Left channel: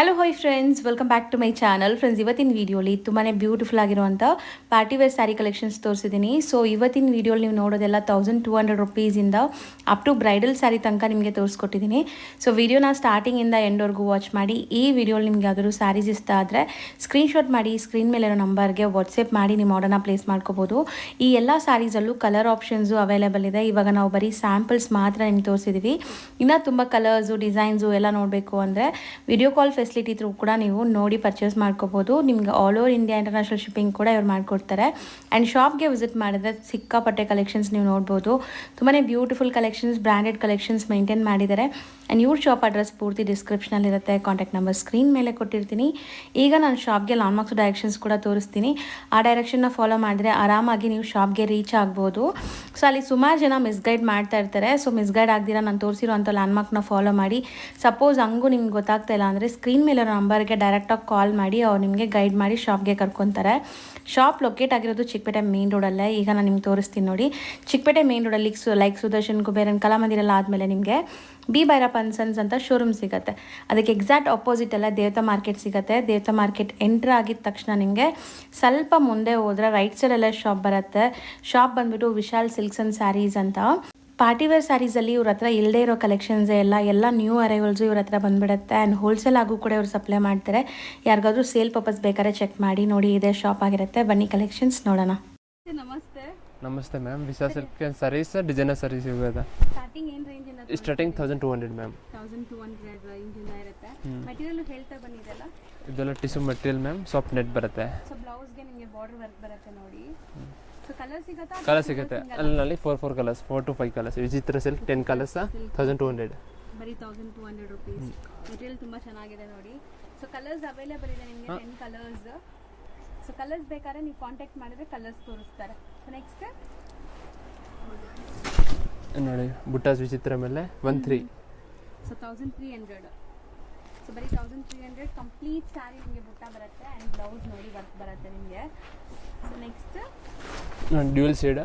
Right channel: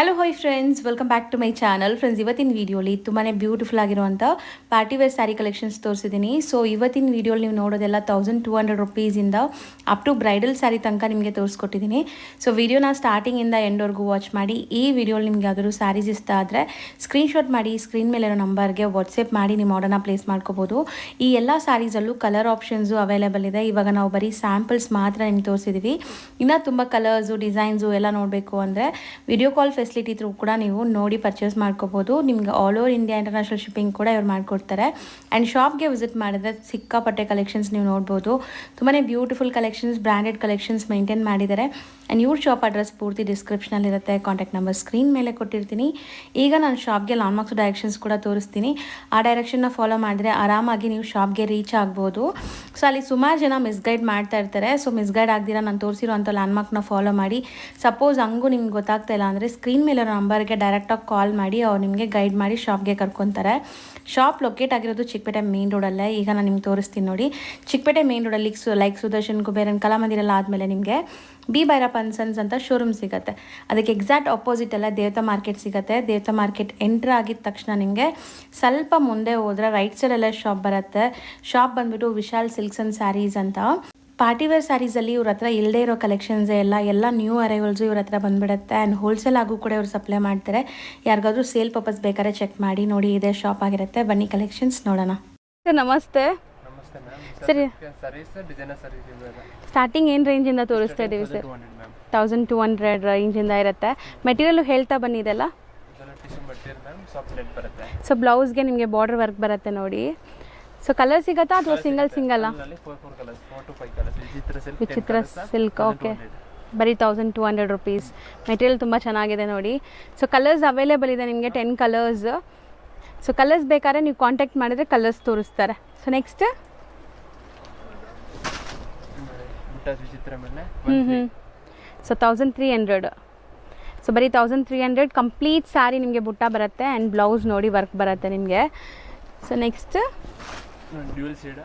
Hello hi friends, welcome back to my channel. Friends, ಇವತ್ತಿನ ವೀಡಿಯೋಲಿ ತುಂಬಾ ಬ್ಯೂಟಿಫುಲ್ ಆಗಿರುವಂಥ ಪಾರ್ಟಿ ವೇರ್ ಸ್ಯಾರಿ ಕಲೆಕ್ಷನ್ಸ್ ತೋರಿಸಿದ್ದೀನಿ. ಸೊ ಇವತ್ತಿನ ವೀಡಿಯೋಲಿ ನೀವು ನೋಡೋದೆಲ್ಲ 1200 ರುಪೀಸಿಂದ ಅಪ್ ಟು ಬ್ರೈಡಲ್ ಸ್ಯಾರಿ ತನಕ ನಿಮಗೆ ತೋರಿಸ್ಕೊಟ್ಟಿದ್ದೀನಿ. ಸೊ ವಿಡಿಯೋನ ಸ್ಟಾರ್ಟಿಂಗಿಂದ ಎಂಡ್ವರೆಗೂ ವಾಚ್ ಮಾಡಿ. ಈ ವಿಡಿಯೋಲಿ ನಿಮ್ಗೆ ಯಾವ್ದಾದ್ರು ಸ್ಯಾರೀಸ್ ಇಷ್ಟ ಆದರೆ ಸ್ಕ್ರೀನ್ಶಾಟ್ ಮಾಡಿ ಸ್ಕ್ರೀನ್ ಮೇಲಿರೋ ನಂಬರ್ಗೆ ವಾಟ್ಸಪ್ ಮಾಡಿ ನಿಮ್ಮ ಆರ್ಡರ್ನ ಪ್ಲೇಸ್ ಮಾಡ್ಕೋಬೋದು. ಈ ಎಲ್ಲ ಸ್ಯಾರೀಸಲ್ಲೂ ಕಲರ್ ಆಪ್ಷನ್ಸು ಅವೈಲೇಬಲ್ ಇದೆ. ಇವಾಗ ನಾವು ಬರೀ ಸ್ಯಾಂಪಲ್ಸ್ ಮಾತ್ರ ನಿಮ್ಗೆ ತೋರಿಸಿದ್ದೀವಿ. ಇನ್ನೂ ತುಂಬ ಕಲರ್ಸು ಡಿಸೈನ್ಸು ಎಲ್ಲ ನೋಡಬೇಕು ಅಂದರೆ ವಿಡಿಯೋ ಕಾಲ್ ಫೆಸಿಲಿಟಿ ಥ್ರೂ ಕೂಡ ನೀವು ನೋಡಿ ಪರ್ಚೇಸ್ ಮಾಡ್ಕೋಬೋದು. ನಿಮ್ಗೆ all over India international shipping ಕೂಡ ಇವ್ರು ಮಾಡಿಕೊಡ್ತಾರೆ. ಆ್ಯಂಡ್ ಶಾಪ್ಗೆ ವಿಸಿಟ್ ಮಾಡಿದ್ರೆ ಸಿಕ್ಕಾಪಟ್ಟೆ ಕಲೆಕ್ಷನ್ಸ್ ನೀವು ನೋಡ್ಬೋದು. ತುಂಬಾ beautiful collections, branded collections maintain ಮಾಡಿದ್ದಾರೆ. ಆ್ಯಂಡ್ ಇವ್ರ ಶಾಪ್ ಅಡ್ರೆಸ್ ಪೂರ್ತಿ ಡಿಸ್ಕ್ರಿಪ್ಷನಲ್ಲಿರುತ್ತೆ. ಕಾಂಟ್ಯಾಕ್ಟ್ ನಂಬರ್ ಸ್ಕ್ರೀನ್ ಮೇಲೆ ಕೊಟ್ಟಿರ್ತೀನಿ. ಈಗ ನಾನು ಶಾಪ್ಗೆ ಲಾಂಡ್ಮಾರ್ಕ್ಸ್ ಡೈರೆಕ್ಷನ್ಸ್ ಕೂಡ ತೋರಿಸ್ತೀನಿ. ಆ ಡೈರೆಕ್ಷನ್ನ ಫಾಲೋ ಮಾಡಿದ್ರೆ ಆರಾಮಾಗಿ ನೀವು ಶಾಪ್ಗೆ ರೀಚ್ ಆಗ್ಬೋದು. ಸೊ ಅಲ್ಲಿ ಸುಮಾರು ಜನ ಮಿಸ್ಗೈಡ್ ಮಾಡ್ತಾ ಇರ್ತಾರೆ. ಸೊ ಮಿಸ್ಗೈಡ್ ಆಗ್ದಿರ ನಾನು ತೋರಿಸಿರೋಂಥ ಲ್ಯಾಂಡ್ಮಾರ್ಕ್ನ ಫಾಲೋ ಮಾಡಿ. ಸಪೋಸ್ ಹಂಗೂ ನಿಮ್ಗೆ ಗೊತ್ತಾಗ್ತಾ ಇಲ್ಲ ಅಂದರೆ ಸ್ಕ್ರೀನ್ ಮೇಲೆ ನಂಬರ್ಗೆ ಡೈರೆಕ್ಟಾಗಿ ಕಾಲ್ ಮಾಡಿ ಅವ್ರು ನಿಮಗೆ ಗೈಡ್ ಮಾಡಿ ಶಾಪ್ಗೆ ಕರ್ಕೊತಾರೆ. ಶಾಪ್ ಲೊಕೇಟ್ ಆಗಿರೋದು ಚಿಕ್ಕಪೇಟೆ ಮೇನ್ ರೋಡಲ್ಲೇ. ಈಗ ನಾನು ನಿಮ್ಗೆ ತೋರಿಸ್ತೀನಿ ನೋಡಿ. ಚಿಕ್ಕಪೇಟೆ ಮೇನ್ ರೋಡಲ್ಲಿ ಲೈಕ್ ಸುದರ್ಶನ್ ಕುಬೇರನ್ ಕಲಾಮಂದಿರೆಲ್ಲ ಆದಮೇಲೆ ನಿಮಗೆ ಬಿ ಭೈರಪ್ಪ ಅಂಡ್ ಸನ್ಸ್ ಅಂತ ಶೋರೂಮ್ ಸಿಗುತ್ತೆ. ಅದಕ್ಕೆ ಎಕ್ಸಾಕ್ಟ್ ಆಪೋಸಿಟ್ ಎಲ್ಲ ದೇವತಾ ಮಾರ್ಕೆಟ್ ಸಿಗುತ್ತೆ. ದೇವತಾ ಮಾರ್ಕೆಟ್ ಎಂಟ್ರ್ ಆಗಿದ ತಕ್ಷಣ ನಿಮಗೆ ಸ್ವಲ್ಪ ಮುಂದೆ ಹೋದರೆ ರೈಟ್ ಸೈಡಲ್ಲೇ ಶಾಪ್ ಬರುತ್ತೆ. ಶಾಪ್ ಬಂದುಬಿಟ್ಟು ವಿಶಾಲ್ ಸಿಲ್ಕ್ಸ್ ಆ್ಯಂಡ್ ಸ್ಯಾರೀಸ್ ಅಂತ. ಪಾರ್ಟಿವೇರ್ ಸ್ಯಾರೀಸಲ್ಲಿ ಇವ್ರ ಹತ್ರ ಇಲ್ಲದೇ ಇರೋ ಕಲೆಕ್ಷನ್ಸೇ ಎಲ್ಲ ನ್ಯೂ ಅರೈವಲ್ಸು ಇವ್ರ ಹತ್ರ ಬಂದುಬಿಡುತ್ತೆ. ಆ್ಯಂಡ್ ಹೋಲ್ಸೇಲ್ ಆಗು ಕೂಡ ಇವ್ರು ಸಪ್ಲೈ ಮಾಡ್ತಾರೆ. ಯಾರಿಗಾದ್ರೂ ಸೇಲ್ ಪರ್ಪಸ್ ಬೇಕಾದ್ರೆ ಚೆಕ್ ಮಾಡಿ. ನೋಡಿ, ಇದೇ ಶಾಪ್ ಆಗಿರುತ್ತೆ. ಬನ್ನಿ ಕಲೆಕ್ಷನ್ಸ್ ನೋಡೋಣ. ಸರ್ ನಮಸ್ತೆ. ನಮಸ್ತೆ ಮ್ಯಾಮ್. ಸಾರೀಸ್ ಡಿಸೈನರ್ ಸಾರೀಸ್ ಇವೆ. ಸ್ಟಾರ್ಟಿಂಗ್ ಏನು ರೇಂಜಿಂದ ತೋರಿಸ್ತಾ ಇದ್ದೀವಿ ಸರ್? 1200 ಮ್ಯಾಮ್. 1200 ರೇಂಜಿಂದ ಇರುತ್ತೆ. ಮೆಟೀರಿಯಲ್ ಹೇಳ್ತಾ ಬನ್ನಿದೆಲ್ಲ. ಇದೆಲ್ಲ tissue material ma'am. Soft net ಬರುತ್ತೆ. ಸೊ ಬ್ಲೌಸ್ಗೆ ನಿಮಗೆ ಬಾರ್ಡರ್ ವರ್ಕ್ ಬರುತ್ತೆ ನೋಡಿ. ಸೊ ಕಲರ್ ಸಿಗುತ್ತಾ ಅಥವಾ ಸಿಂಗಲ್ ಅಲ್ಲಿ 4 ಕಲರ್ಸ್, 4 to 5 ಕಲರ್ಸ್. ವಿಚಿತ್ರ ಸಿಲ್ಕ್ 10 ಕಲರ್ಸ್, 1200. ಬರೀ 1200 ರುಪೀಸ್. ಮೆಟೀರಿಯಲ್ ತುಂಬ ಚೆನ್ನಾಗಿದೆ ನೋಡಿ. ಸೊ ಕಲರ್ಸ್ ಅವೈಲೇಬಲ್ ಇದೆ ನಿಮಗೆ 10 ಕಲರ್ಸ್. ಸೊ ಕಲರ್ಸ್ ಬೇಕಾದ್ರೆ ನೀವು ಕಾಂಟ್ಯಾಕ್ಟ್ ಮಾಡಿದ್ರೆ ಕಲರ್ಸ್ ತೋರಿಸ್ತಾರೆ. ಸೊ ನೆಕ್ಸ್ಟ್ ನೋಡಿ, ಬುಟ್ಟಾಸ್ ವಿಚಿತ್ರ ಮೇಲೆ 13. ಸೊ 1300. ಸೊ ಬರೀ 1300 ಕಂಪ್ಲೀಟ್ ಸ್ಯಾರಿ ನಿಮಗೆ ಬುಟ್ಟ ಬರುತ್ತೆ. ಆ್ಯಂಡ್ ಬ್ಲೌಸ್ ನೋಡಿ ವರ್ಕ್ ಬರುತ್ತೆ ನಿಮಗೆ. So next dual shade.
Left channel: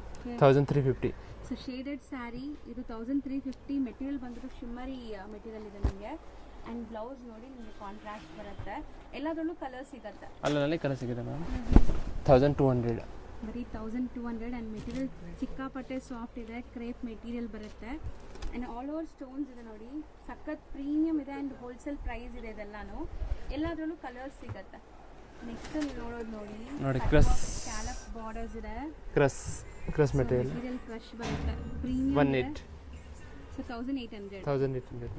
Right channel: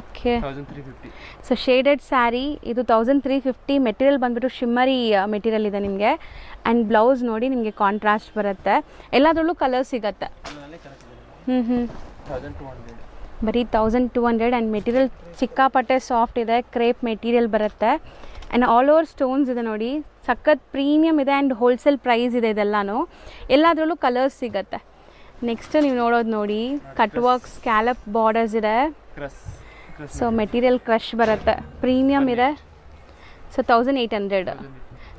Okay, 1350. So shaded sari ಇದು 1350. ಮೆಟೀರಿಯಲ್ ಬಂದ್ಬಿಟ್ಟು ಶಿಮ್ಮರಿ ಮೆಟೀರಿಯಲ್ ಇದೆ ನಿಮಗೆ. ಆ್ಯಂಡ್ ಬ್ಲೌಸ್ ನೋಡಿ ನಿಮಗೆ ಕಾಂಟ್ರಾಸ್ಟ್ ಬರುತ್ತೆ. ಎಲ್ಲದರಲ್ಲೂ ಕಲರ್ ಸಿಗುತ್ತೆ. ಅಲ್ಲಲ್ಲಿ ಕಲರ್ ಸಿಗುತ್ತೆ. 1200. ಬರೀ 1200. ಆ್ಯಂಡ್ ಮೆಟೀರಿಯಲ್ ಸಿಕ್ಕಾಪಟ್ಟೆ ಸಾಫ್ಟ್ ಇದೆ. ಕ್ರೇಪ್ ಮೆಟೀರಿಯಲ್ ಬರುತ್ತೆ. ಆ್ಯಂಡ್ ಆಲ್ ಓವರ್ ಸ್ಟೋನ್ಸ್ ಇದೆ ನೋಡಿ. ಸಖತ್ ಪ್ರೀಮಿಯಮ್ ಇದೆ. ಆ್ಯಂಡ್ ಹೋಲ್ಸೇಲ್ ಪ್ರೈಸ್ ಇದೆ ಇದೆಲ್ಲನೂ. ಎಲ್ಲದರಲ್ಲೂ ಕಲರ್ಸ್ ಸಿಗುತ್ತೆ. ನೆಕ್ಸ್ಟ್ ನೀವು ನೋಡೋದು ನೋಡಿ, ಕಟ್ ವರ್ಕ್ ಸ್ಕ್ಯಾಲಪ್ ಬಾರ್ಡರ್ಸ್ ಇದೆ. ಸೊ ಮೆಟೀರಿಯಲ್ ಕ್ರಶ್ ಬರುತ್ತೆ. ಪ್ರೀಮಿಯಮ್ ಇದೆ. So 1800.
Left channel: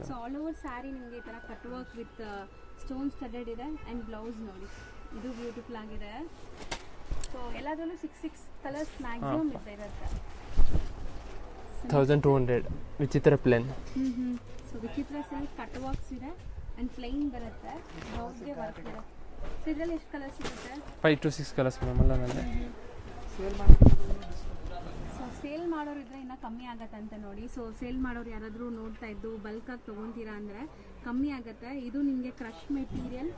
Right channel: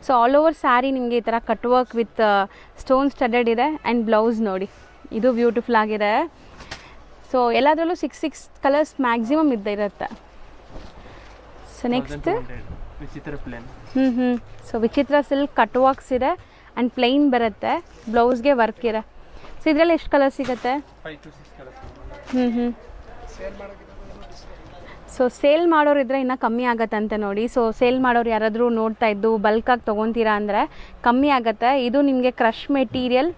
So all over sari ನಿಮಗೆ ಈ ಥರ cut work with stone studded ಇದೆ. ಆ್ಯಂಡ್ ಬ್ಲೌಸ್ ನೋಡಿ, ಇದು ಬ್ಯೂಟಿಫುಲ್ ಆಗಿದೆ. ಸೊ ಎಲ್ಲದರಲ್ಲೂ 6 ಕಲರ್ಸ್ ಮ್ಯಾಕ್ಸಿಮಮ್ ಇರುತ್ತೆ. ಸೊ ನೆಕ್ಸ್ಟ್ ವಿಚಿತ್ರ ಪ್ಲೇನ್. ಸೊ ವಿಚಿತ್ರ ಸಿಲ್ಕ್ ಕಟ್ ವರ್ಕ್ಸ್ ಇದೆ. ಆ್ಯಂಡ್ ಪ್ಲೈನ್ ಬರುತ್ತೆ. ಬ್ಲೌಸ್ಗೆ ವರ್ಕ್ ಇದೆ. ಸೊ ಇದರಲ್ಲಿ ಎಷ್ಟು ಕಲರ್ ಸಿಗುತ್ತೆ? 5 to 6 ಕಲರ್ಸ್. ಸೊ ಸೇಲ್ ಮಾಡೋರು ಇದ್ರೆ ಇನ್ನೂ ಕಮ್ಮಿ ಆಗತ್ತಂತೆ ನೋಡಿ. ಸೊ ಸೇಲ್ ಮಾಡೋರು ಯಾರಾದರೂ ನೋಡ್ತಾ ಇದ್ದು ಬಲ್ಕಾಗಿ ತೊಗೊತೀರಾ ಅಂದರೆ ಕಮ್ಮಿ ಆಗುತ್ತೆ. ಇದು ನಿಮಗೆ ಕ್ರಶ್ ಮೆಟೀರಿಯಲ್.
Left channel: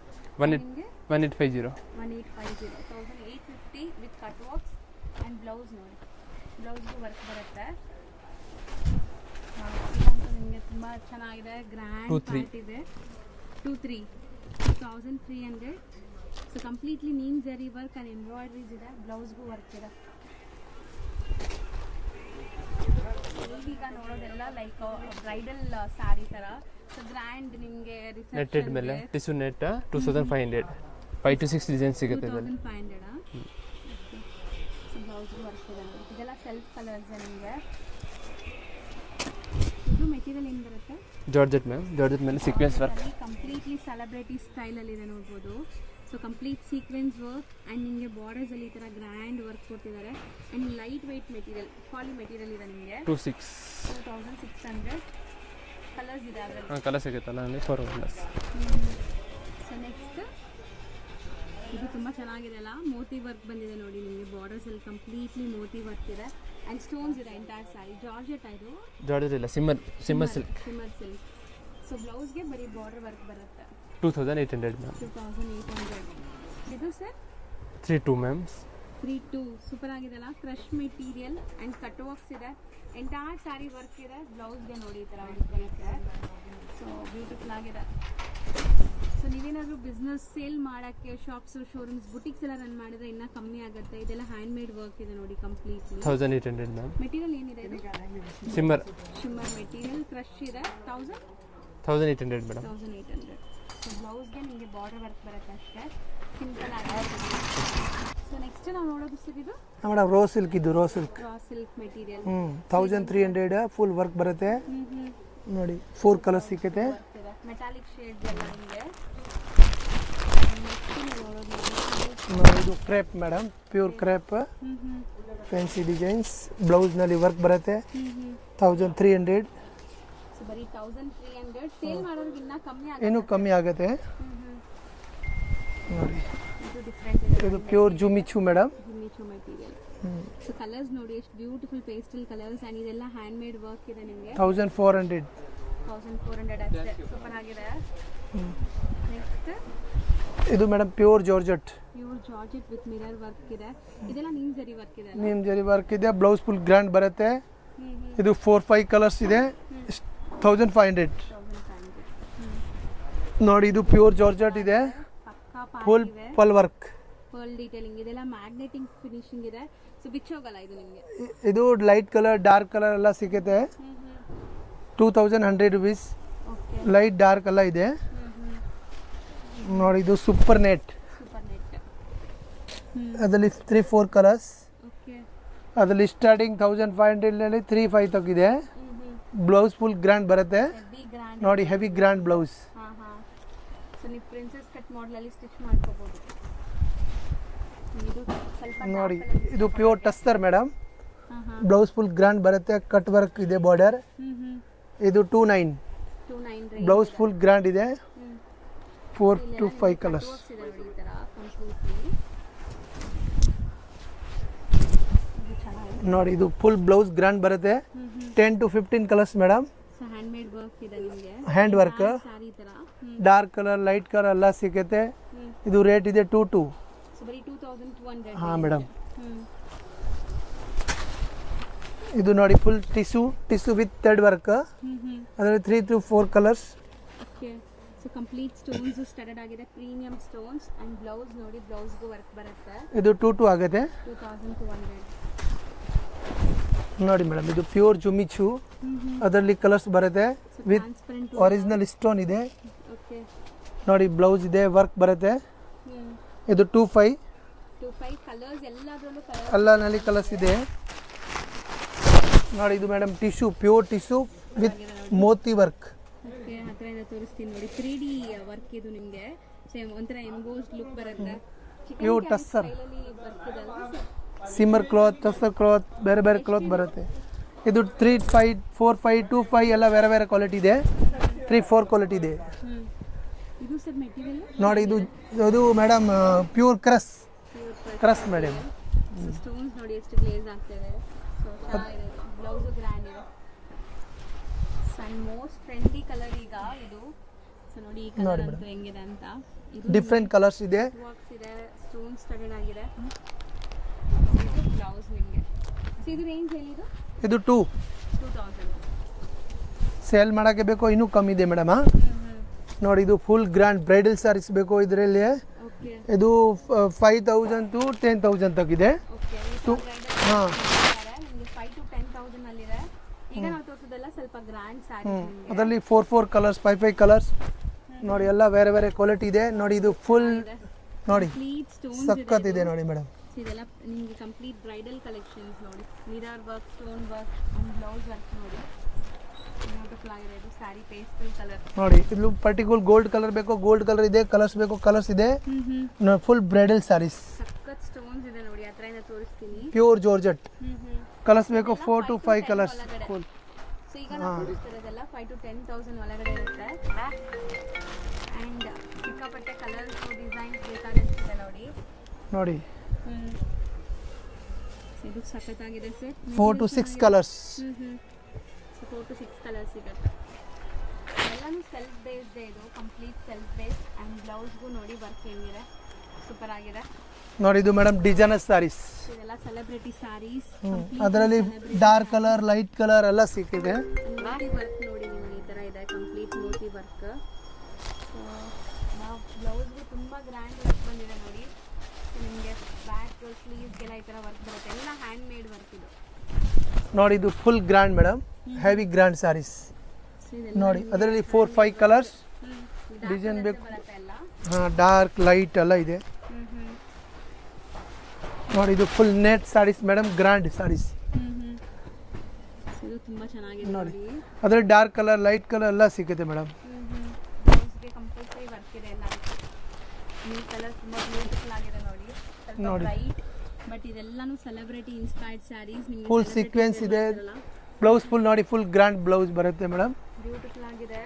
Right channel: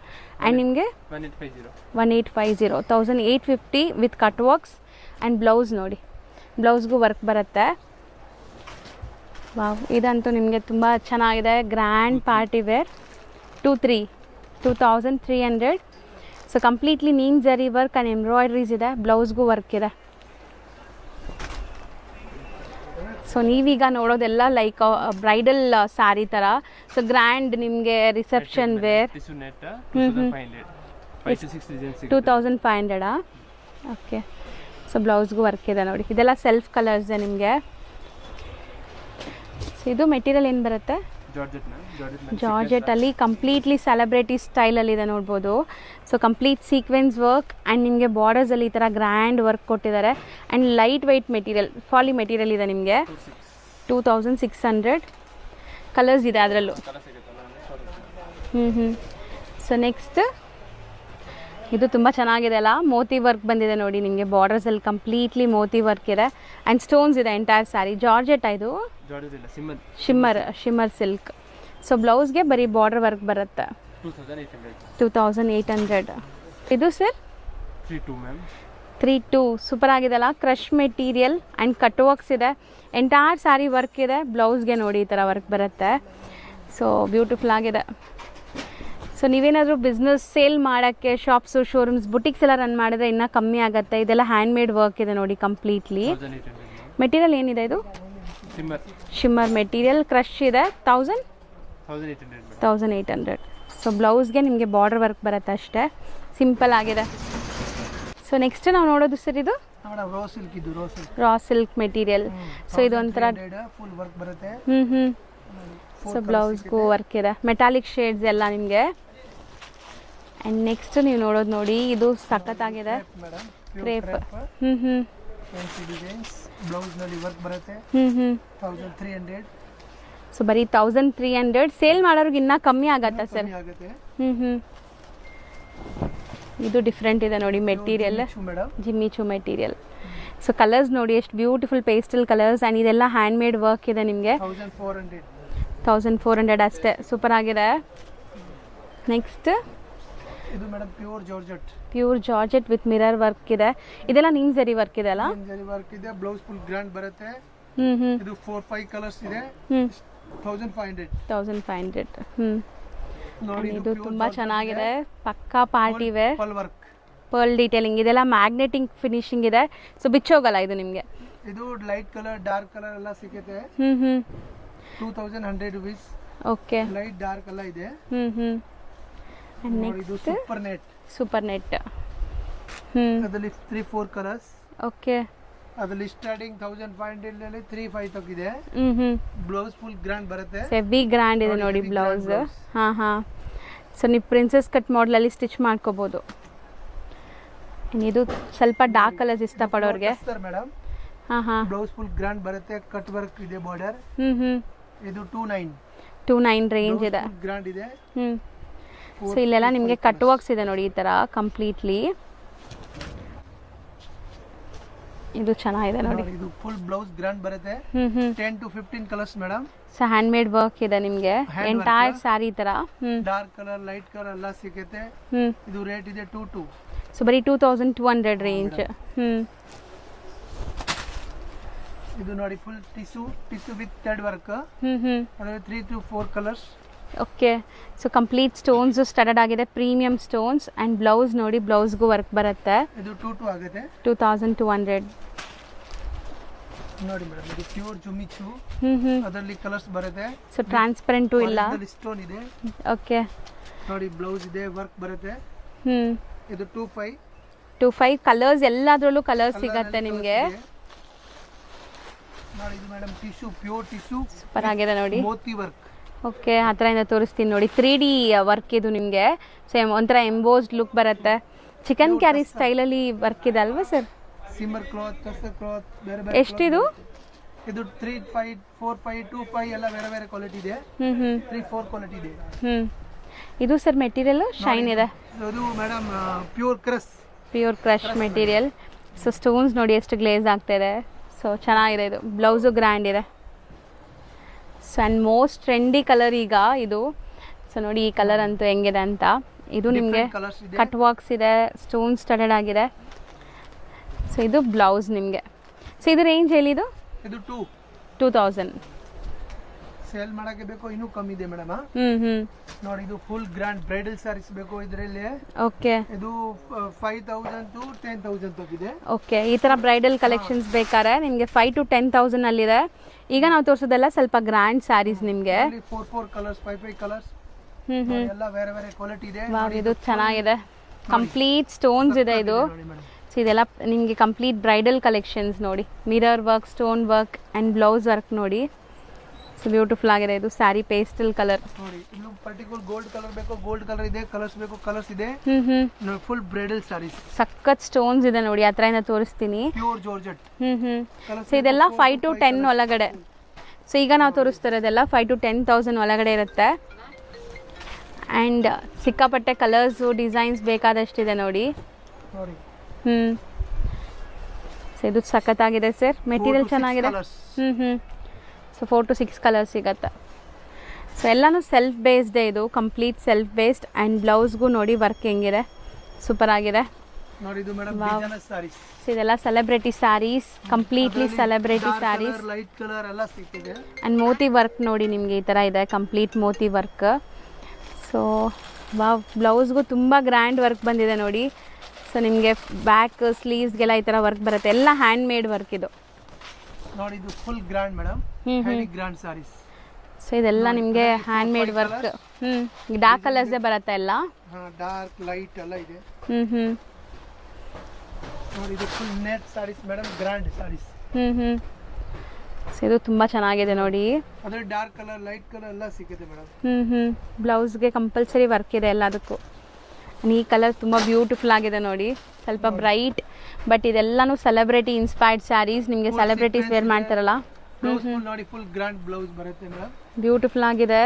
ಆ್ಯಂಡ್ ನಿಮಗೆ 1850 1850 with cut works. And blouse ನೋಡಿ, ಬ್ಲೌಸ್ಗೂ ವರ್ಕ್ ಬರುತ್ತೆ. ವಾವ್, ಇದಂತೂ ನಿಮಗೆ ತುಂಬ ಚೆನ್ನಾಗಿದೆ. Grand party wear. 2300. So completely ನೀಮ್ ಜರಿ ವರ್ಕ್ ಆ್ಯಂಡ್ ಎಂಬ್ರಾಯ್ಡ್ರೀಸ್ ಇದೆ. ಬ್ಲೌಸ್ಗೂ ವರ್ಕ್ ಇದೆ. ಸೊ ನೀವೀಗ ನೋಡೋದೆಲ್ಲ ಲೈಕ್ ಬ್ರೈಡಲ್ ಸ್ಯಾರಿ ಥರ. ಸೊ ಗ್ರ್ಯಾಂಡ್ ನಿಮಗೆ ರಿಸೆಪ್ಷನ್ ವೇರ್. 2500. 5 to 6 ಡಿಸೈನ್ಸ್ ಸಿಗುತ್ತೆ. 2500. ಓಕೆ. ಸೊ ಬ್ಲೌಸ್ಗೂ ವರ್ಕ್ ಇದೆ ನೋಡಿ. ಇದೆಲ್ಲ ಸೆಲ್ಫ್ ಕಲರ್ಸ್ ನಿಮಗೆ. ಇದು ಮೆಟೀರಿಯಲ್ ಏನು ಬರುತ್ತೆ? Georgette ma'am. ಜಾರ್ಜೆಟ್ ಅಲ್ಲಿ ಕಂಪ್ಲೀಟ್ಲಿ ಸೆಲೆಬ್ರಿಟಿ ಸ್ಟೈಲಲ್ಲಿ ಇದೆ ನೋಡ್ಬೋದು. So complete sequence work. And ನಿಮಗೆ ಬಾರ್ಡರ್ಸಲ್ಲಿ ಈ ಥರ ಗ್ರ್ಯಾಂಡ್ ವರ್ಕ್ ಕೊಟ್ಟಿದ್ದಾರೆ. ಆ್ಯಂಡ್ ಲೈಟ್ ವೆಯ್ಟ್ ಮೆಟೀರಿಯಲ್, ಫಾಲಿ ಮೆಟೀರಿಯಲ್ ಇದೆ ನಿಮಗೆ. 2600. ಕಲರ್ಸ್ ಇದೆ ಅದರಲ್ಲೂ. ಸೊ ನೆಕ್ಸ್ಟ್ ಇದು ತುಂಬ ಚೆನ್ನಾಗಿದೆ ಅಲ್ಲ. ಮೋತಿ ವರ್ಕ್ ಬಂದಿದೆ ನೋಡಿ ನಿಮಗೆ. ಬಾರ್ಡರ್ಸಲ್ಲಿ ಕಂಪ್ಲೀಟ್ಲಿ ಮೋತಿ ವರ್ಕ್ ಇದೆ. ಆ್ಯಂಡ್ ಸ್ಟೋನ್ಸ್ ಇದೆ ಎಂಟೈರ್ ಸ್ಯಾರಿ. ಜಾರ್ಜೆಟ್ ಇದು ಶಿಮ್ಮರ್ ಸಿಲ್ಕ್. ಸೊ ಬ್ಲೌಸ್ಗೆ ಬರೀ ಬಾರ್ಡರ್ ವರ್ಕ್ ಬರುತ್ತೆ. 2800. ಇದು ಸರ್ 32 ಮ್ಯಾಮ್. 32 ಸೂಪರ್ ಆಗಿದೆ ಅಲ್ಲ. Crush material and cut works ಇದೆ. ಎಂಟೈರ್ ಸ್ಯಾರಿ ವರ್ಕ್ ಇದೆ. ಬ್ಲೌಸ್ಗೆ ನೋಡಿ ಈ ಥರ ವರ್ಕ್ ಬರುತ್ತೆ. ಸೊ ಬ್ಯೂಟಿಫುಲ್ ಆಗಿದೆ. ಸೊ ನೀವೇನಾದರೂ ಬಿಸ್ನೆಸ್ ಸೇಲ್ ಮಾಡೋಕ್ಕೆ ಶಾಪ್ಸು ಶೋರೂಮ್ಸ್ ಬುಟಿಕ್ಸ್ ಎಲ್ಲ ರನ್ ಮಾಡಿದ್ರೆ ಇನ್ನೂ ಕಮ್ಮಿ ಆಗುತ್ತೆ. ಇದೆಲ್ಲ ಹ್ಯಾಂಡ್ ಮೇಡ್ ವರ್ಕ್ ಇದೆ ನೋಡಿ ಕಂಪ್ಲೀಟ್ಲಿ. 1800 ಮ್ಯಾಮ್. ಮೆಟೀರಿಯಲ್ ಏನಿದೆ ಇದು? Shimmer material. ಕ್ರಶ್ ಇದೆ 1800 ಮೇಡಮ್. 1800. ಸೊ ಬ್ಲೌಸ್ಗೆ ನಿಮಗೆ ಬಾರ್ಡರ್ ವರ್ಕ್ ಬರುತ್ತೆ ಅಷ್ಟೇ, ಸಿಂಪಲ್ ಆಗಿದೆ. ಸೊ ನೆಕ್ಸ್ಟ್ ನಾವು ನೋಡೋದು ಸರ್ ಇದು ಮೇಡಮ್ ರೋ ಸಿಲ್ಕ್. ಇದು ರಾ ಸಿಲ್ಕ್ ಮೆಟೀರಿಯಲ್. ಸೊ ಇದು ಒಂಥರ ಫುಲ್ ವರ್ಕ್ ಬರುತ್ತೆ ನೋಡಿ. ಸೊ ಬ್ಲೌಸ್ಗೂ ವರ್ಕ್ ಇದೆ, ಮೆಟಾಲಿಕ್ ಶೇಡ್ಸ್ ಎಲ್ಲ ನಿಮಗೆ. ನೆಕ್ಸ್ಟ್ ನೀವು ನೋಡೋದು ನೋಡಿ, ಇದು ಸಕ್ಕತ್ತಾಗಿದೆ madam. Pure crepe fancy designs. Blouse ನಲ್ಲಿ ವರ್ಕ್ ಬರುತ್ತೆ. 1300. ಸೊ ಬರೀ 1300. ಸೇಲ್ ಮಾಡೋರಿಗೆ ಇನ್ನೂ ಕಮ್ಮಿ ಆಗುತ್ತೆ ಸರ್. ಕಮ್ಮಿ ಆಗುತ್ತೆ. ಇದು ಡಿಫ್ರೆಂಟ್ ಇದೆ ನೋಡಿ material. Madam Jimmy Choo material. So colours ನೋಡಿ ಎಷ್ಟು ಬ್ಯೂಟಿಫುಲ್ ಪೇಸ್ಟಲ್ ಕಲರ್ಸ್ ಆ್ಯಂಡ್ ಇದೆಲ್ಲ ಹ್ಯಾಂಡ್ ಮೇಡ್ ವರ್ಕ್ ಇದೆ ನಿಮಗೆ. 1400 ಅಷ್ಟೇ. ಸೂಪರ್ ಆಗಿದೆ. ನೆಕ್ಸ್ಟ್ ಇದು madam pure georgette with mirror work ಇದೆ. ಇದೆಲ್ಲ ನಿಮ್ ಜರಿ ವರ್ಕ್ ಇದೆ ಅಲ್ಲ? ನಿಮ್ ಜರಿ ವರ್ಕ್ ಇದೆ. ಬ್ಲೌಸ್ ಫುಲ್ ಗ್ರ್ಯಾಂಡ್ ಬರುತ್ತೆ. ಇದು 4-5 ಕಲರ್ಸ್ ಇದೆ. 1500. ನೋಡಿ ಇದು ಪ್ಯೂರ್ ಜಾರ್ಜೆಟ್ ಇದೆ. ಪಕ್ಕಾ ಪಾರ್ಟಿ ವೇರ್. ಪರ್ಲ್ ಡೀಟೇಲಿಂಗ್ ಇದೆಲ್ಲ ಮ್ಯಾಗ್ನೆಟಿಂಗ್ ಫಿನಿಶಿಂಗ್ ಇದೆ. ಸೊ ಬಿಚ್ಚೋಗಲ್ಲ ಇದು ನಿಮಗೆ. ಇದು ಲೈಟ್ ಕಲರ್ ಡಾರ್ಕ್ ಕಲರ್ ಎಲ್ಲ ಸಿಗುತ್ತೆ. 2100 rupees. ಓಕೆ. ಲೈಟ್ ಡಾರ್ಕ್ ಎಲ್ಲ ಇದೆ. ನೋಡಿ ಇದು ಸೂಪರ್ ನೆಟ್. ಅದರಲ್ಲಿ 3-4 ಕಲರ್ಸ್. ಓಕೆ. ಅದರಲ್ಲಿ ಸ್ಟಾರ್ಟಿಂಗ್ 1500 ನಲ್ಲಿ 3-5 ತನಕ ಇದೆ. ಬ್ಲೌಸ್ ಫುಲ್ ಗ್ರ್ಯಾಂಡ್ ಬರುತ್ತೆ. ಹೆವಿ ಗ್ರ್ಯಾಂಡ್ ಇದೆ ನೋಡಿ ಬ್ಲೌಸ್. ಸೊ ನೀವು ಪ್ರಿನ್ಸೆಸ್ ಕಟ್ ಮಾಡೆಲ್ ಅಲ್ಲಿ ಸ್ಟಿಚ್ ಮಾಡ್ಕೋಬಹುದು. ಇದು ಸ್ವಲ್ಪ ಡಾರ್ಕ್ ಕಲರ್ಸ್ ಇಷ್ಟಪಡೋರಿಗೆ tussar madam. Blouse full grand ಬರುತ್ತೆ. ಕಟ್ ವರ್ಕ್ ಇದೆ ಬಾರ್ಡರ್. ಇದು 29 ರೇಂಜ್ ಇದೆ. ಫುಲ್ ಗ್ರ್ಯಾಂಡ್ ಇದೆ. ಸೊ ಇಲ್ಲೆಲ್ಲ ನಿಮಗೆ ಕಟ್ ವರ್ಕ್ಸ್ ಇದೆ ನೋಡಿ ಈ ತರ ಕಂಪ್ಲೀಟ್ಲಿ. ಇದು ಚೆನ್ನಾಗಿದೆ ನೋಡಿ. ಇದು ಫುಲ್ ಬ್ಲೌಸ್ ಗ್ರ್ಯಾಂಡ್ ಬರುತ್ತೆ. 10 to 15 colours madam. So hand made work ಇದೆ ನಿಮಗೆ. ಎಂಟೈರ್ ಸಾರಿ ತರ ಡಾರ್ಕ್ ಕಲರ್ ಲೈಟ್ ಕಲರ್ ಎಲ್ಲ ಸಿಗುತ್ತೆ. ಇದು ರೇಟ್ ಇದೆ 22. ಸೊ ಬರೀ 2200 ರೇಂಜ್. ಇದು ನೋಡಿ full tissue with thread work. ಅದರಲ್ಲಿ 3 to 4 colours. Okay. So complete stones studded ಆಗಿದೆ, ಪ್ರೀಮಿಯಂ ಸ್ಟೋನ್ಸ್ ಅಂಡ್ ಬ್ಲೌಸ್ ನೋಡಿ ಬ್ಲೌಸ್ಗೂ ವರ್ಕ್ ಬರುತ್ತೆ. ಇದು 22 ಆಗುತ್ತೆ. 2200 ನೋಡಿ ಮೇಡಮ್. ಇದು ಪ್ಯೂರ್ ಜುಮಿಚು. ಅದರಲ್ಲಿ ಕಲರ್ಸ್ ಬರುತ್ತೆ. ಸೊ ಟ್ರಾನ್ಸ್ಪರೆಂಟ್ ಇಲ್ಲ, ಒರಿಜಿನಲ್ ಸ್ಟೋನ್ ಇದೆ. ಓಕೆ. ನೋಡಿ ಬ್ಲೌಸ್ ಇದೆ, ವರ್ಕ್ ಬರುತ್ತೆ. ಇದು 25 ಕಲರ್ಸ್. ಎಲ್ಲದರಲ್ಲೂ ಕಲರ್ಸ್ ಸಿಗುತ್ತೆ ನಿಮಗೆ. ನೋಡಿ ಇದು ಮೇಡಮ್ ಟಿಶ್ಯೂ, ಪ್ಯೂರ್ ಟಿಶ್ಯೂ ಆಗಿದೆ ನೋಡಿ, ಮೋತಿ ವರ್ಕ್. ಓಕೆ. ಹತ್ರದಿಂದ ತೋರಿಸ್ತೀನಿ ನೋಡಿ. 3D ವರ್ಕ್ ಇದು ನಿಮಗೆ. ಸೊ ಒಂಥರ ಎಂಬೋಸ್ಡ್ ಲುಕ್ ಬರುತ್ತೆ. ಚಿಕನ್ ಕ್ಯಾರಿ ಸ್ಟೈಲ್ ಅಲ್ಲಿ ವರ್ಕ್ ಇದೆ ಅಲ್ವಾ ಸರ್? ಸಿಮ್ಮರ್ ಕ್ಲಾತ್, ಟಸ್ಸರ್ ಕ್ಲಾತ್, ಬೇರೆ ಬೇರೆ ಕ್ಲಾತ್ ಬರುತ್ತೆ. ಇದು 3-5, 4-5, 2-5 ಎಲ್ಲ ಬೇರೆ ಬೇರೆ ಕ್ವಾಲಿಟಿ ಇದೆ. 3-4 ಕ್ವಾಲಿಟಿ ಇದೆ. ಇದು ಸರ್ ಮೆಟೀರಿಯಲ್ ಶೈನ್ ಇದೆ. ಇದು madam pure crush material. So stones ನೋಡಿ ಎಷ್ಟು ಗ್ಲೇಸ್ ಆಗ್ತಾ ಇದೆ. ಸೊ ಚೆನ್ನಾಗಿದೆ. ಇದು ಬ್ಲೌಸು ಗ್ರ್ಯಾಂಡ್ ಇದೆ. So and most trendy colour ಈಗ ಇದು. ಸೊ ನೋಡಿ ಈ ಕಲರ್ ಅಂತೂ ಹೆಂಗಿದೆ ಅಂತ. ಇದು ನಿಮಗೆ ಕಟ್ ವರ್ಕ್ಸ್ ಇದೆ, ಸ್ಟೋನ್ ಸ್ಟಡೆಡ್ ಆಗಿದೆ. ಸೊ ಇದು ಬ್ಲೌಸ್ ನಿಮಗೆ. ಸೊ ಇದು ರೇಂಜ್ ಹೇಳಿದ್ದು? ಇದು 2000. ಸೇಲ್ ಮಾಡಕ್ಕೆ ಬೇಕು ಇನ್ನೂ ಕಮ್ಮಿ ಇದೆ ಮೇಡಮ್. ನೋಡಿ ಇದು ಫುಲ್ ಗ್ರ್ಯಾಂಡ್ ಬ್ರೈಡಲ್ ಸಾರೀಸ್ ಬೇಕು ಇದರಲ್ಲಿ. ಓಕೆ. ಇದು 5000 to 10,000 ತನಕ ಇದೆ. ಓಕೆ. ಈ ತರ ಬ್ರೈಡಲ್ ಕಲೆಕ್ಷನ್ಸ್ ಬೇಕಾದ್ರೆ ನಿಮಗೆ 5 to 10,000 ಅಲ್ಲಿದೆ. ಈಗ ನಾವು ತೋರಿಸೋದೆಲ್ಲ ಸ್ವಲ್ಪ ಗ್ರ್ಯಾಂಡ್ ಸ್ಯಾರೀಸ್ ನಿಮಗೆ. ಇದರಲ್ಲಿ 4 ಕಲರ್ಸ್, 5 ಕಲರ್ಸ್. ನೋಡಿ ಎಲ್ಲ ಬೇರೆ ಬೇರೆ ಕ್ವಾಲಿಟಿ ಇದೆ. ನೋಡಿ ಇದು ಚೆನ್ನಾಗಿದೆ. ಕಂಪ್ಲೀಟ್ ಸ್ಟೋನ್ಸ್ ಇದೆ ಇದು. ಸೊ ಇದೆಲ್ಲ ನಿಮಗೆ ಕಂಪ್ಲೀಟ್ ಬ್ರೈಡಲ್ ಕಲೆಕ್ಷನ್ಸ್ ನೋಡಿ. Mirror work, stone work and blouse work ನೋಡಿ. ಸೊ ಬ್ಯೂಟಿಫುಲ್ ಆಗಿದೆ. ಇದು ಸ್ಯಾರಿ ಪೇಸ್ಟಲ್ ಕಲರ್ ನೋಡಿ. ಇದು ಪರ್ಟಿಕ್ಯುಲರ್ ಗೋಲ್ಡ್ ಕಲರ್ ಬೇಕು, ಗೋಲ್ಡ್ ಕಲರ್ ಇದೆ. ಕಲರ್ಸ್ ಬೇಕು, ಕಲರ್ಸ್ ಇದೆ. Full bridal saris. ಸಖತ್ ಸ್ಟೋನ್ಸ್ ಇದೆ ನೋಡಿ. ಹತ್ರದಿಂದ ತೋರಿಸ್ತೀನಿ. Pure georgette. ಕಲರ್ಸ್ ಇದೆಲ್ಲ 5 to 10 ಒಳಗಡೆ. ಸೊ ಈಗ ನಾವು ತೋರಿಸ್ತಿರೋದೆಲ್ಲ 5 to 10,000 ಒಳಗಡೆ ಇರುತ್ತೆ. ಆ್ಯಂಡ್ ಸಿಕ್ಕಾಪಟ್ಟೆ ಕಲರ್ಸು ಡಿಸೈನ್ಸ್ ಬೇಕಾದಷ್ಟಿದೆ ನೋಡಿ. ಸೊ ಇದು ಸಖತ್ತಾಗಿದೆ ಸರ್. ಮೆಟೀರಿಯಲ್ ಚೆನ್ನಾಗಿದೆ. ಸೊ 4 to 6 ಕಲರ್ಸ್ ಸಿಗತ್ತೆ. ಸೊ ಎಲ್ಲನೂ ಸೆಲ್ಫ್ ಬೇಸ್ಡ್ ಇದು, ಕಂಪ್ಲೀಟ್ ಸೆಲ್ಫ್ ಬೇಸ್ಡ್. ಆ್ಯಂಡ್ ಬ್ಲೌಸ್ಗೂ ನೋಡಿ ವರ್ಕ್ ಹೆಂಗಿದೆ, ಸೂಪರ್ ಆಗಿದೆ ನೋಡಿ. ಇದು ಮೇಡಮ್ ಡಿಸೈನರ್ ಸ್ಯಾರೀಸ್. ಇದೆಲ್ಲ celebrity sarees, completely celebrity dark colour, light colour ಎಲ್ಲ ಸಿಕ್ಕಿದೆ. ಆ್ಯಂಡ್ ಮೋತಿ ವರ್ಕ್ ನೋಡಿ ನಿಮಗೆ ಈ ಥರ ಇದೆ, complete moti work. So wow, ಬ್ಲೌಸ್ಗೂ ತುಂಬ ಗ್ರ್ಯಾಂಡ್ ವರ್ಕ್ ಬಂದಿದೆ ನೋಡಿ. ಸೊ ನಿಮಗೆ ಬ್ಯಾಕ್ ಸ್ಲೀವ್ಸ್ಗೆಲ್ಲ ಈ ಥರ ವರ್ಕ್ ಬರುತ್ತೆ, ಎಲ್ಲ ಹ್ಯಾಂಡ್ ಮೇಡ್ ವರ್ಕ್ ಇದು. ನೋಡಿ ಇದು full grand madam, heavy grand saris. So ಇದೆಲ್ಲ ನಿಮಗೆ hand made work. Dark colours ಬರುತ್ತೆ ಎಲ್ಲ. ಡಾರ್ಕ್ ಲೈಟ್ ಎಲ್ಲ ಇದೆ. ನೋಡಿ ಇದು full net saris madam, grand saris. So ಇದು ತುಂಬಾ ಚೆನ್ನಾಗಿದೆ ನೋಡಿ. ಅದ್ರಲ್ಲಿ ಡಾರ್ಕ್ ಕಲರ್, ಲೈಟ್ ಕಲರ್ ಎಲ್ಲ ಸಿಗುತ್ತೆ ಮೇಡಮ್. ಬ್ಲೌಸ್ಗೆ ಕಂಪಲ್ಸರಿ ವರ್ಕ್ ಇದೆ ಎಲ್ಲದಕ್ಕೂ. ಈ ಕಲರ್ ತುಂಬಾ ಬ್ಯೂಟಿಫುಲ್ ಆಗಿದೆ ನೋಡಿ, ಸ್ವಲ್ಪ ಬ್ರೈಟ್. ಬಟ್ ಇದೆಲ್ಲಾನು ಸೆಲೆಬ್ರಿಟಿ ಇನ್ಸ್ಪೈರ್ಡ್ ಸ್ಯಾರೀಸ್, ನಿಮಗೆ ಸೆಲೆಬ್ರಿಟೀಸ್ ವೇರ್ ಮಾಡ್ತಾರಲ್ಲ. ಬ್ಲೌಸ್ ಫುಲ್ ನೋಡಿ, ಫುಲ್ ಗ್ರ್ಯಾಂಡ್ ಬ್ಲೌಸ್ ಬರುತ್ತೆ ಮೇಡಮ್. ಬ್ಯೂಟಿಫುಲ್ ಆಗಿದೆ,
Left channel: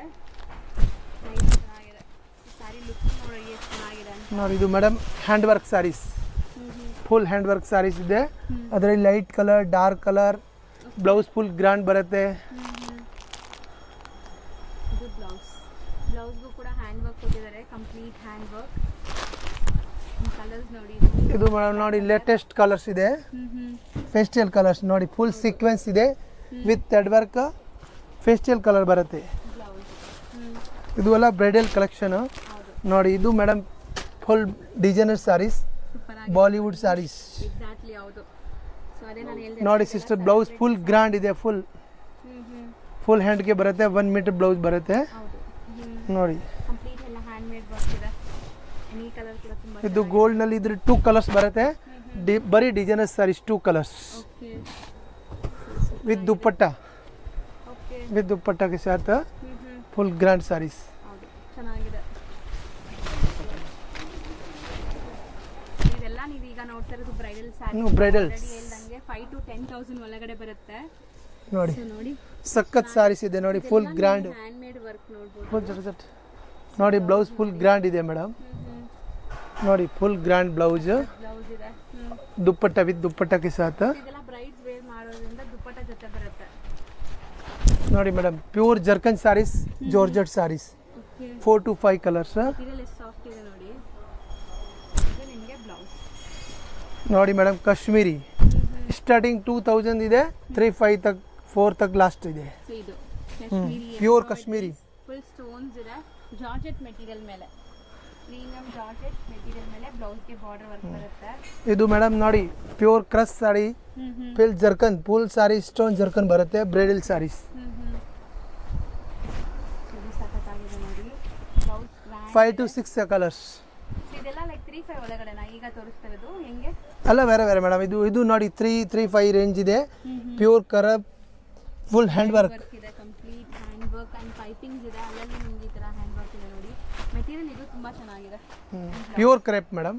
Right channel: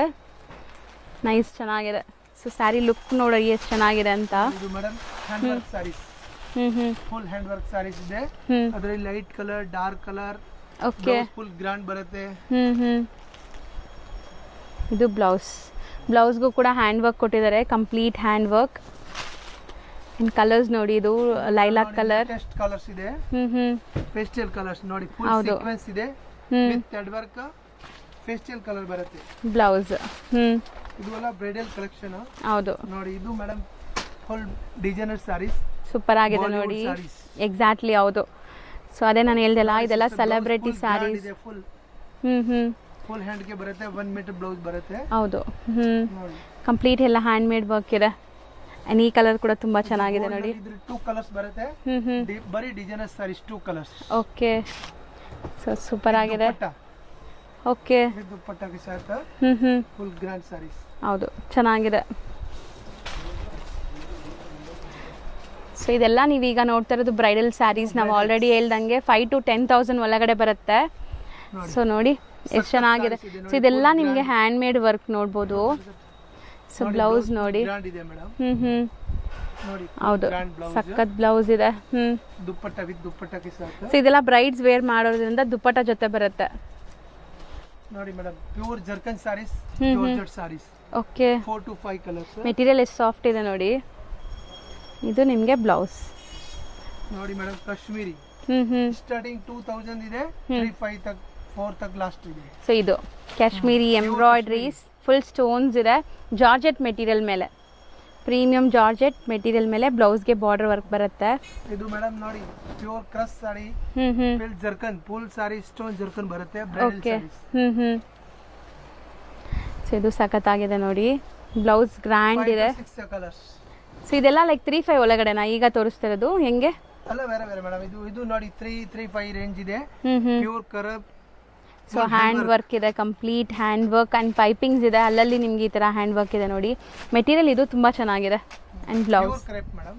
ನೈಸ್, ಚೆನ್ನಾಗಿದೆ. ಸೊ ಸ್ಯಾರಿ ಲುಕ್ ನೋಡಿ ಎಷ್ಟು ಚೆನ್ನಾಗಿದೆ ಅಂತ. ಇದು madam hand work sarees, full hand work sarees ಇದೆ. ಅದರಲ್ಲಿ light colour, dark colour, blouse full grand ಬರುತ್ತೆ. ಇದು ಬ್ಲೌಸ್ಗೂ ಕೂಡ ಹ್ಯಾಂಡ್ ವರ್ಕ್ ಕೊಟ್ಟಿದ್ದಾರೆ, ಕಂಪ್ಲೀಟ್ ಹ್ಯಾಂಡ್ ವರ್ಕ್. ಕಲರ್ಸ್ ನೋಡಿ, ಇದು ಲೈಲಾಕ್ ಕಲರ್, ಲೇಟೆಸ್ಟ್ ಕಲರ್ಸ್ ಇದೆ, ಫೇಸ್ಟಲ್ ಕಲರ್ಸ್ ನೋಡಿ, ಫುಲ್ ಸೀಕ್ವೆನ್ಸ್ ಇದೆ with thread work, pastel colour ಬರುತ್ತೆ ಬ್ಲೌಸ್. ಇದು ಎಲ್ಲ ಬ್ರೈಡಲ್ ಕಲೆಕ್ಷನ್. ಹೌದು ನೋಡಿ ಇದು madam full designer saris, super ಆಗಿದೆ ಬಾಲಿವುಡ್ ನೋಡಿ. ಸಾರೀಸ್ ಎಕ್ಸಾಕ್ಟ್ಲಿ, ಹೌದು. ಸೊ ಅದೇ ನಾನು ಹೇಳ್ದಲ್ಲ, ಇದೆಲ್ಲ ಸೆಲೆಬ್ರಿಟಿ ಫುಲ್ ಗ್ರ್ಯಾಂಡ್ ಇದೆ, ಫುಲ್ ಹ್ಯಾಂಡ್ ಗೆ ಬರುತ್ತೆ, 1 ಮೀಟರ್ ಬ್ಲೌಸ್ ಬರುತ್ತೆ. ಹೌದು, ನೋಡಿ ಕಂಪ್ಲೀಟ್ ಎಲ್ಲ ಹ್ಯಾಂಡ್ ಮೇಡ್ ವರ್ಕ್ ಇದೆ. ಈ ಕಲರ್ ಕೂಡ ತುಂಬಾ ಚೆನ್ನಾಗಿದೆ. ಗೋಲ್ಡ್ ನಲ್ಲಿ ಇದ್ರ 2 ಕಲರ್ಸ್ ಬರುತ್ತೆ, ಬರೀ designer saris 2 colours. Okay, so super ಆಗಿದೆ. ದುಪ್ಪಟ್ಟ, ಓಕೆ, ವಿತ್ ದುಪ್ಪಟ್ಟ ಕೆ ಸಾಥ್ ಫುಲ್ ಗ್ರ್ಯಾಂಡ್ ಸಾರೀಸ್. ಹೌದು, ಚೆನ್ನಾಗಿದೆ. ಸೊ ಇದೆಲ್ಲ ನೀವೀಗ ನೋಡ್ತಾ ಇರೋದು ಬ್ರೈಡಲ್ ಸ್ಯಾರೀಸ್. ನಾವು ಆಲ್ರೆಡಿ ಹೇಳ್ದಂಗೆ 5,000 to 10,000 ಒಳಗಡೆ ಬರುತ್ತೆ. ಸೊ ನೋಡಿ ಎಷ್ಟು ಚೆನ್ನಾಗಿದೆ. ಇದೆಲ್ಲ ನಿಮಗೆ ಹ್ಯಾಂಡ್ ಮೇಡ್ ವರ್ಕ್ ನೋಡ್ಬೋದು. ಸೊ ಬ್ಲೌಸ್ ನೋಡಿ ಗ್ರ್ಯಾಂಡ್ ಇದೆ ಮೇಡಮ್. ನೋಡಿ ಫುಲ್ ಗ್ರ್ಯಾಂಡ್ ಬ್ಲೌಸ್, ಸಖತ್ ಬ್ಲೌಸ್ ಇದೆ. ದುಪ್ಪಟ್ಟ ವಿತ್ ದುಪ್ಪಟ್ಟ ಕೆ ಸಾಥ್. ಸೊ ಇದೆಲ್ಲ ಬ್ರೈಡ್ಸ್ ವೇರ್ ಮಾಡೋದ್ರಿಂದ ದುಪ್ಪಟ್ಟ ಜೊತೆ ಬರುತ್ತೆ. ನೋಡಿ ಮೇಡಮ್ ಪ್ಯೂರ್ ಜರ್ಕನ್ saris, georgette saris. Okay, 4 to 5 colours. Material ಎಷ್ಟು ಸಾಫ್ಟ್ ಇದೆ ನೋಡಿ. ಇದು ನಿಮಗೆ ಬ್ಲೌಸ್ ನೋಡಿ ಮೇಡಮ್, ಕಾಶ್ಮೀರಿ ಸ್ಟಾರ್ಟಿಂಗ್ 2000 ಇದೆ, 3,500 ತಕ್ 4 ತಕ್ ಲಾಸ್ಟ್ ಇದೆ. ಸೊ ಇದು ಕಾಶ್ಮೀರಿ ಎಂಬ್ರಾಯ್ಡ್ರೀಸ್, ಫುಲ್ ಸ್ಟೋನ್ಸ್ ಇದೆ, ಜಾರ್ಜೆಟ್ ಮೆಟೀರಿಯಲ್ ಮೇಲೆ, ಪ್ರೀಮಿಯಂ ಜಾರ್ಜೆಟ್ ಮೆಟೀರಿಯಲ್ ಮೇಲೆ ಬ್ಲೌಸ್ಗೆ ಬಾರ್ಡರ್ ವರ್ಕ್ ಬರುತ್ತೆ. ಇದು ಮೇಡಮ್ ನೋಡಿ ಪ್ಯೂರ್ ಕ್ರಶ್ ಸಾರಿ, ಫುಲ್ ಜರ್ಕನ್, ಫುಲ್ ಸಾರಿ ಸ್ಟೋನ್ ಜರ್ಕನ್ ಬರುತ್ತೆ, ಬ್ರೈಡಲ್ ಸಾರೀಸ್. ಸೊ ಇದು ಸಖತ್ತಾಗಿದೆ ನೋಡಿ, ಬ್ಲೌಸ್ ಗ್ರ್ಯಾಂಡ್ 5 ಇದೆ. to 6 colours. ಸೊ ಇದೆಲ್ಲ ಲೈಕ್ 3,500 ಒಳಗಡೆನಾ ಈಗ ತೋರಿಸ್ತಿರೋದು? ಹೆಂಗೆ ಅಲ್ಲ ಬೇರೆ ಬೇರೆ ಮೇಡಮ್. ಇದು ನೋಡಿ 3-5 ರೇಂಜ್ ಇದೆ, ಪ್ಯೂರ್ ಕರಬ್, ಫುಲ್ ಹ್ಯಾಂಡ್ ವರ್ಕ್ ಇದೆ, ಕಂಪ್ಲೀಟ್ ಹ್ಯಾಂಡ್ ವರ್ಕ್ ಅಂಡ್ ಪೈಪಿಂಗ್ಸ್ ಇದೆ, ಅಲ್ಲಲ್ಲಿ ನಿಮ್ಗೆ ಈ ತರ ಹ್ಯಾಂಡ್ ವರ್ಕ್ ಇದೆ ನೋಡಿ. ಮೆಟೀರಿಯಲ್ ಇದು ತುಂಬಾ ಚೆನ್ನಾಗಿದೆ. And blouse pure crepe madam.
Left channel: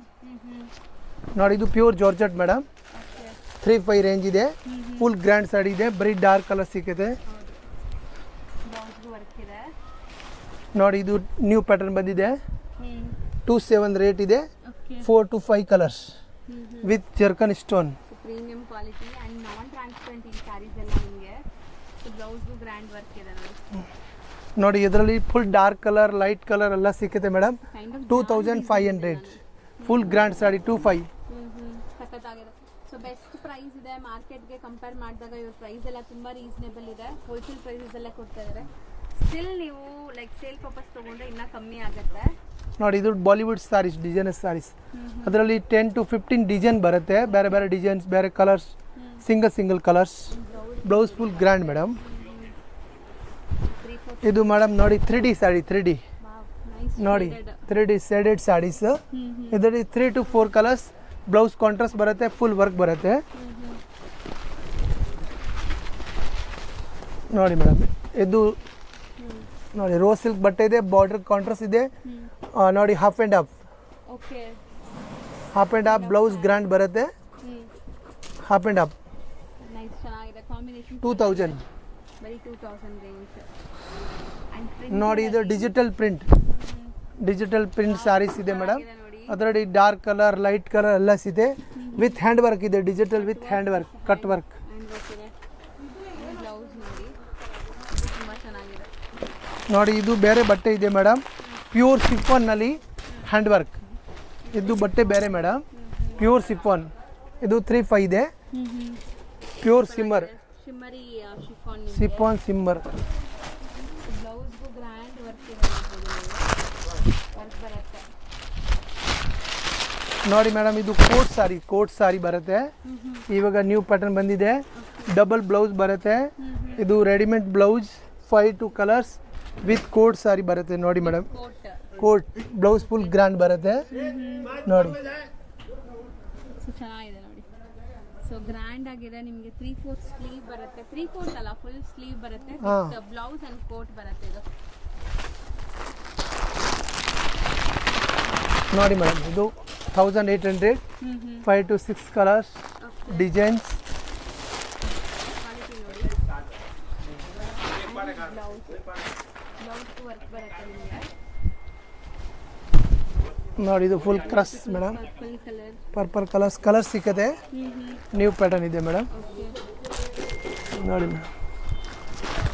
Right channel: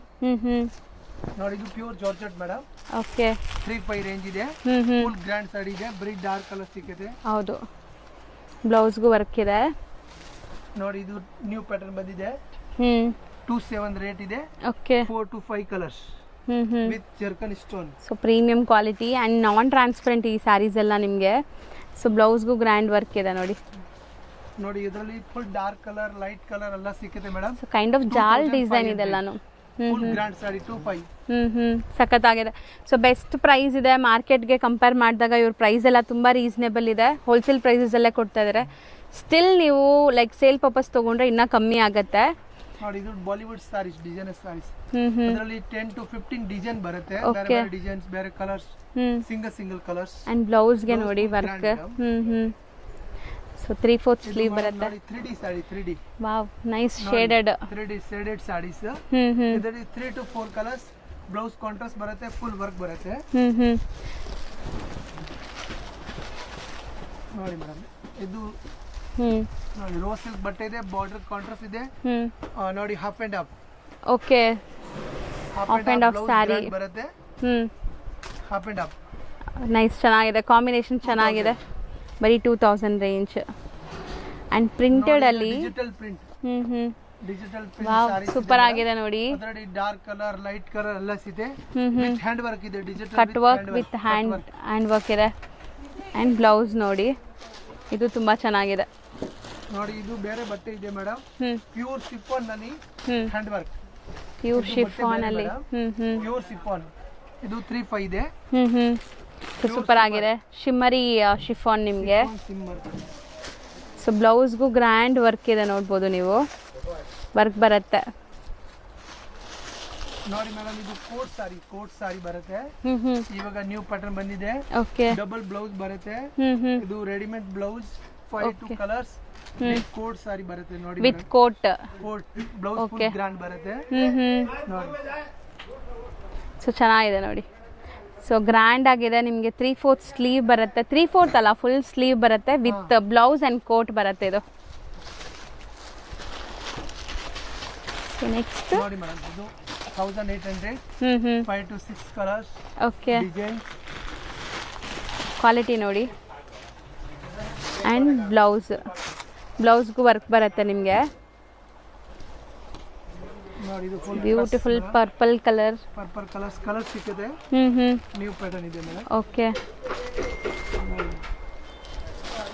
ನೋಡಿ ಇದು pure georgette madam. Okay, 3-5 range ಇದೆ, ಫುಲ್ ಗ್ರ್ಯಾಂಡ್ ಸಾಡಿ ಇದೆ, ಬರೀ ಡಾರ್ಕ್ ಕಲರ್ ಸಿಗುತ್ತೆ. ಹೌದು, ಬ್ಲೌಸ್ಗೂ ವರ್ಕ್ ಇದೆ. ನೋಡಿ ಇದು ನ್ಯೂ ಪ್ಯಾಟರ್ನ್ ಬಂದಿದೆ, 2,700 ರೇಟ್ ಇದೆ. Okay, 4 to 5 colours with ಜರ್ಕನ್ stone. So premium quality and non transparent ಈ ಸ್ಯಾರೀಸ್ ಎಲ್ಲ ನಿಮಗೆ. ಸೊ ಬ್ಲೌಸ್ಗೂ ಗ್ರ್ಯಾಂಡ್ ವರ್ಕ್ ಇದೆ ನೋಡಿ. ನೋಡಿ ಇದರಲ್ಲಿ full dark colour, light colour ಎಲ್ಲ ಸಿಗುತ್ತೆ ಮೇಡಮ್. ಕೈಂಡ್ ಆಫ್ ಜಾಲ್ ಡಿಸೈನ್ ಇದೆಲ್ಲಾನು. ಫುಲ್ ಗ್ರ್ಯಾಂಡ್ ಸಾರಿ 2,500. ಸಖತ್ತಾಗಿದೆ. ಸೊ ಬೆಸ್ಟ್ ಪ್ರೈಸ್ ಇದೆ ಮಾರ್ಕೆಟ್ಗೆ ಕಂಪೇರ್ ಮಾಡಿದಾಗ. ಇವ್ರ ಪ್ರೈಸ್ ಎಲ್ಲ ತುಂಬ ರೀಸನೇಬಲ್ ಇದೆ, ಹೋಲ್ಸೇಲ್ ಪ್ರೈಸಸ್ ಅಲ್ಲೇ ಕೊಡ್ತಾ ಇದ್ದಾರೆ. ಸ್ಟಿಲ್ ನೀವು ಲೈಕ್ ಸೇಲ್ ಪರ್ಪಸ್ ತೊಗೊಂಡ್ರೆ ಇನ್ನೂ ಕಮ್ಮಿ ಆಗುತ್ತೆ. ನೋಡಿ ಇದು ಬಾಲಿವುಡ್ ಸಾರೀಸ್, ಡಿಸೈನರ್ ಸಾರೀಸ್. ಅದರಲ್ಲಿ 10 to 15 ಡಿಸೈನ್ ಬರುತ್ತೆ, ಬೇರೆ ಬೇರೆ ಡಿಸೈನ್ಸ್, ಬೇರೆ ಕಲರ್ಸ್, ಸಿಂಗಲ್ ಕಲರ್ಸ್. ಅಂಡ್ ಬ್ಲೌಸ್ಗೆ ನೋಡಿ ಗ್ರ್ಯಾಂಡ್ ಮೇಡಮ್. ಸೊ 3/4 ಇದು ಮೇಡಮ್ ನೋಡಿ 3D sari, 3D. Wow, nice shaded 3D shaded saris. ಇದರಲ್ಲಿ 3 to 4 ಕಲರ್ಸ್, ಬ್ಲೌಸ್ ಕಾಂಟ್ರಾಸ್ಟ್ ಬರುತ್ತೆ, ಫುಲ್ ವರ್ಕ್ ಬರುತ್ತೆ. ನೋಡಿ ಮೇಡಮ್ ಇದು ನೋಡಿ ರೋಸ್ ಸಿಲ್ಕ್ ಬಟ್ಟೆ ಇದೆ, ಬಾರ್ಡರ್ ಕಾಂಟ್ರಾಸ್ಟ್ ಇದೆ. ನೋಡಿ half and half. Okay, half and half blouse grand ಬರುತ್ತೆ, ಹಾಫ್ ಅಂಡ್ ಹಾಫ್. ನೈಸ್, ಚೆನ್ನಾಗಿದೆ ಕಾಂಬಿನೇಷನ್, ಚೆನ್ನಾಗಿದೆ. ಬರೀ 2,000 ರೇಂಜ್. ಅಂಡ್ ಪ್ರಿಂಟೆಡ್ ಅಲ್ಲಿ digital print, digital print saris ಇದೆ. ಸೂಪರ್ ಆಗಿದೆ ನೋಡಿ. ಅದರಲ್ಲಿ ಡಾರ್ಕ್ ಕಲರ್, ಲೈಟ್ ಕಲರ್ ಎಲ್ಲ ಇದೆ, ವಿತ್ ಹ್ಯಾಂಡ್ ವರ್ಕ್ ಇದೆ, digital cut work with hand work ಇದೆ. ಅಂಡ್ ಬ್ಲೌಸ್ ನೋಡಿ, ಇದು ತುಂಬಾ ಚೆನ್ನಾಗಿದೆ. ನೋಡಿ ಇದು ಬೇರೆ ಬಟ್ಟೆ ಇದೆ ಮೇಡಮ್, ಪ್ಯೂರ್ ಶಿಫಾನ್ ನಲ್ಲಿ ಹ್ಯಾಂಡ್ ವರ್ಕ್. ಇದು ಬಟ್ಟೆ ಬೇರೆ ಮೇಡಮ್, ಪ್ಯೂರ್ ಶಿಫಾನ್. ಇದು 3,500 ಇದೆ. ಸೂಪರ್ ಆಗಿದೆ, ಶಿಮ್ಮರಿ ಶಿಫಾನ್ ನಿಮಗೆ. ಸಿಮ್ಮರ್. ಸೊ ಬ್ಲೌಸ್ಗೂ ಗ್ರ್ಯಾಂಡ್ ವರ್ಕ್ ಇದೆ ನೋಡ್ಬೋದು ನೀವು. ವರ್ಕ್ ಬರುತ್ತೆ. ನೋಡಿ ಮೇಡಮ್, ಇದು ಕೋಟ್ ಸಾರಿ ಬರುತ್ತೆ. ಇವಾಗ ನ್ಯೂ ಪ್ಯಾಟರ್ನ್ ಬಂದಿದೆ. ಓಕೆ. ಡಬಲ್ ಬ್ಲೌಸ್ ಬರುತ್ತೆ. ಇದು readymade blouse 5 colours with coat saree ಬರುತ್ತೆ. ನೋಡಿ madam, coat blouse full grand ಬರುತ್ತೆ. ನೋಡಿ, ಸೊ ಚೆನ್ನಾಗಿದೆ ನೋಡಿ. ಸೊ ಗ್ರ್ಯಾಂಡ್ ಆಗಿದೆ. ನಿಮಗೆ 3/4 ಸ್ಲೀವ್ ಬರುತ್ತೆ. 3/4 ಅಲ್ಲ, ಫುಲ್ ಸ್ಲೀವ್ ಬರುತ್ತೆ ವಿತ್ ಬ್ಲೌಸ್ ಅಂಡ್ ಕೋಟ್ ಬರುತ್ತೆ ಇದು. ನೋಡಿ ಮೇಡಮ್, ಇದು 1800 5 to 6 colours. Okay. Designs quality ನೋಡಿ. ಆ್ಯಂಡ್ ಬ್ಲೌಸ್ಗೂ ವರ್ಕ್ ಬರುತ್ತೆ ನಿಮಗೆ. ನೋಡಿ, ಇದು ಫುಲ್ ಬ್ಯೂಟಿಫುಲ್ ಪರ್ಪಲ್ ಕಲರ್ ಸಿಕ್ಕದೆ. ನ್ಯೂ ಪ್ಯಾಟರ್ನ್ ಇದೆ ಮೇಡಮ್. ಓಕೆ. ನೋಡಿ